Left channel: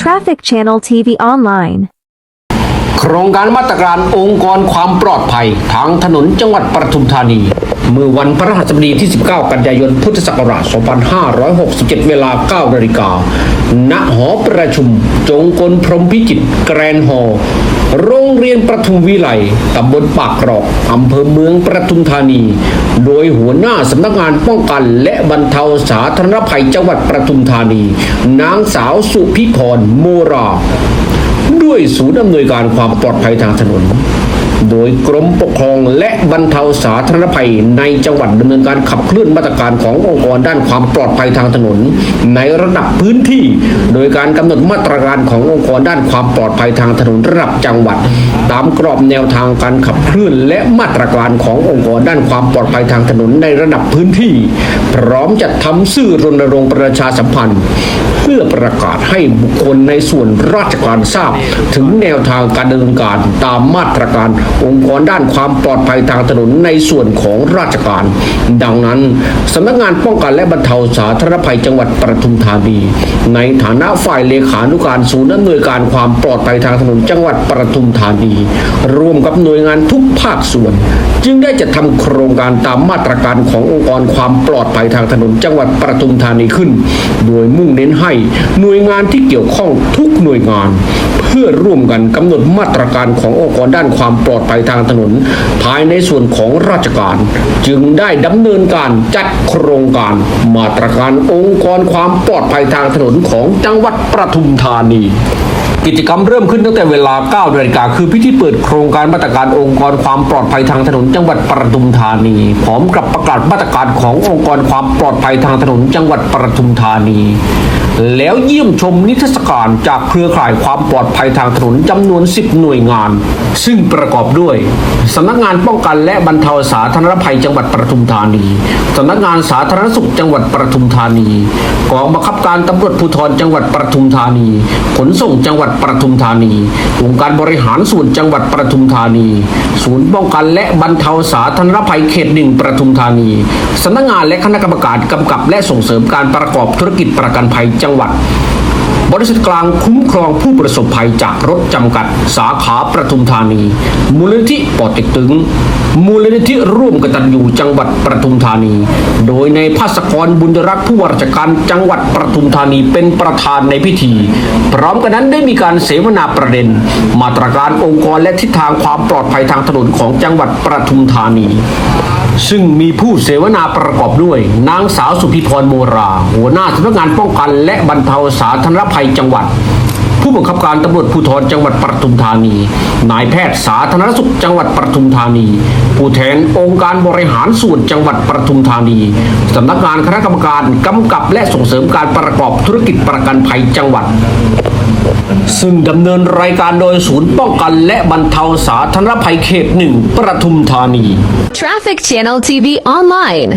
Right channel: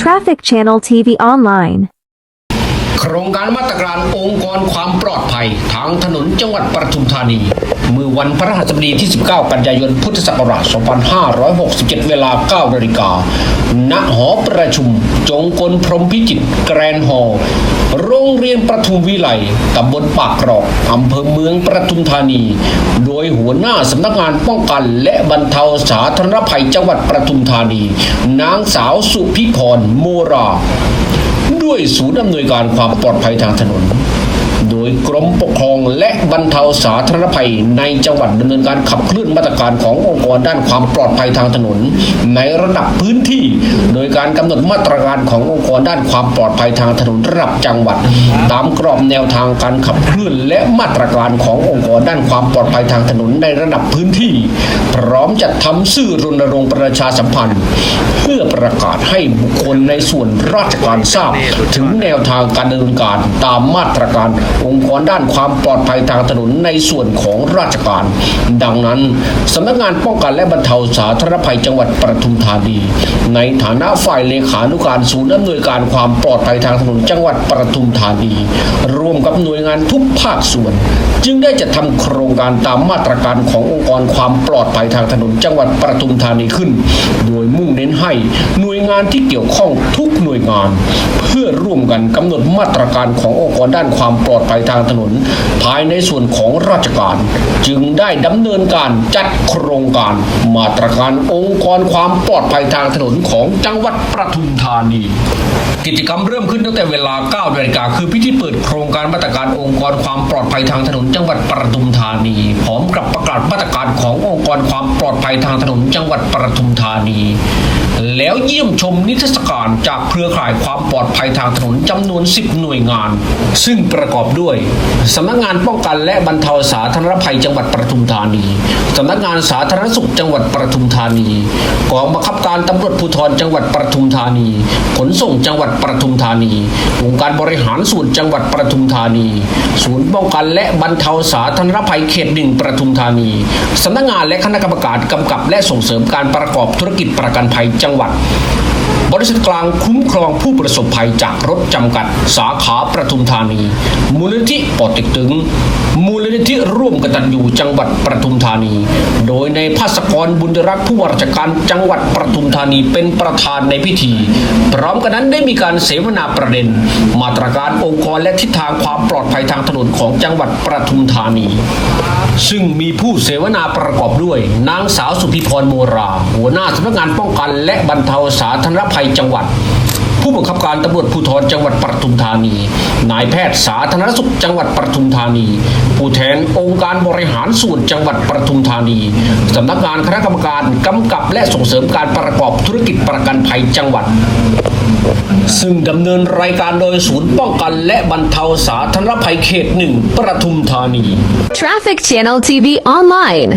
Traffic Channel TV Online โครงการมาตรการองค์กรความปลอดภัยทางถนนจังหวัดปทุมธานี เมื่อวันพฤหัสบดีที่ 19 กันยายน พุทธศักราช 2567 เวลา 9 นาฬิกา ณ หอประชุม จงกลพรหมพิจิตรแกรนฮอลล์ โรงเรียนประทุมวิไลตำบลปากกรอกอำเภอเมืองประทุมธานี โดยหัวหน้าสำนักงานป้องกัน และบรรเทาสาธารณภัยจังหวัดประทุมธานี นางสาวสุพิพรโมรา ด้วยศูนย์อำนวยการความปลอดภัยทางถนน โดยกรมปกครองและบรรเทาสาธารณภัยในจังหวัดดำเนินการขับเคลื่อนมาตรการขององค์กรด้านความปลอดภัยทางถนน ในระดับพื้นที่ โดยการกำหนดมาตรการขององค์กรด้านความปลอดภัยทางถนนระดับจังหวัด ตามกรอบแนวทางการขับเคลื่อนและมาตรการขององค์กรด้านความปลอดภัยทางถนนในระดับพื้นที่ พร้อมจัดทำสื่อรณรงค์ประชาสัมพันธ์ เพื่อประกาศให้บุคคลในส่วนราชการทราบ ถึงแนวทางการดำเนินการตามมาตรการองค์กรด้านความปลอดภัยทางถนนในส่วนของราชการ ดังนั้นสำนักงานป้องกันและบรรเทาสาธารณภัยจังหวัดปทุมธานีในฐานะฝ่ายเลขานุการศูนย์อำนวยการความปลอดภัยทางถนนจังหวัดปทุมธานีร่วมกับหน่วยงานทุกภาคส่วน จึงได้จัดทำโครงการตามมาตรการขององค์กรความปลอดภัยทางถนนจังหวัดปทุมธานีขึ้น โดยมุ่งเน้นให้หน่วยงานที่เกี่ยวข้องทุกหน่วยงาน พื่อร่วมกันกำหนดมาตรการขององค์กรด้านความปลอดภัยทางถนน ภายในส่วนของราชการ จึงได้ดำเนินการจัดโครงการ มาตรการองค์กรความปลอดภัยทางถนนของจังหวัดประทุมธานีกิจกรรมเริ่มขึ้นตั้งแต่เวลา9นาฬิกาคือพิธีเปิดโครงการมาตรการองค์กรความปลอดภัยทางถนนจังหวัดปทุมธานี พร้อมกับประกาศมาตรการขององค์กรความปลอดภัยทางถนนจังหวัดปทุมธานี แล้วเยี่ยมชมนิทรรศการจากเครือข่ายความปลอดภัยทางถนนจำนวน 10 หน่วยงาน ซึ่งประกอบด้วยสำนักงานป้องกันและบรรเทาสาธารณภัยจังหวัดปทุมธานีสำนักงานสาธารณสุขจังหวัดปทุมธานีกองบังคับการตำรวจภูธรจังหวัดปทุมธานี ขนส่งจังหวัดปทุมธานีองค์การบริหารส่วนจังหวัดปทุมธานี ศูนย์ป้องกันและบรรเทาสาธารณภัยเขตหนึ่งปทุมธานีสำนักงานและคณะกรรมการกำกับและส่งเสริมการประกอบธุรกิจประกันภัยจังหวัด บริษัทกลางคุ้มครองผู้ประสบภัยจากรถจำกัด สาขาประทุมธานี มูลนิธิปอเต็กตึง มูลนิธิร่วมกตัญญูจังหวัดประทุมธานี โดยในภาสกรบุญรักษ์ผู้ว่าราชการจังหวัดประทุมธานีเป็นประธานในพิธี พร้อมกันนั้นได้มีการเสวนาประเด็น มาตรการองค์กรและทิศทางความปลอดภัยทางถนนของจังหวัดประทุมธานีซึ่งมีผู้เสวนาประกอบด้วย นางสาวสุพิพรโมรา หัวหน้าสำนักงานป้องกันและบรรเทาสาธารณภัยจังหวัด บังคับการตำรวจภูธรจังหวัดปทุมธานี นายแพทย์สาธารณสุขจังหวัดปทุมธานี ผู้แทนองค์การบริหารส่วนจังหวัดปทุมธานีสำนักงานคณะกรรมการกำกับและส่งเสริมการประกอบธุรกิจประกันภัยจังหวัด ซึ่งดำเนินรายการโดยศูนย์ป้องกันและบรรเทาสาธารณภัยเขตหนึ่งปทุมธานี Traffic Channel TV Online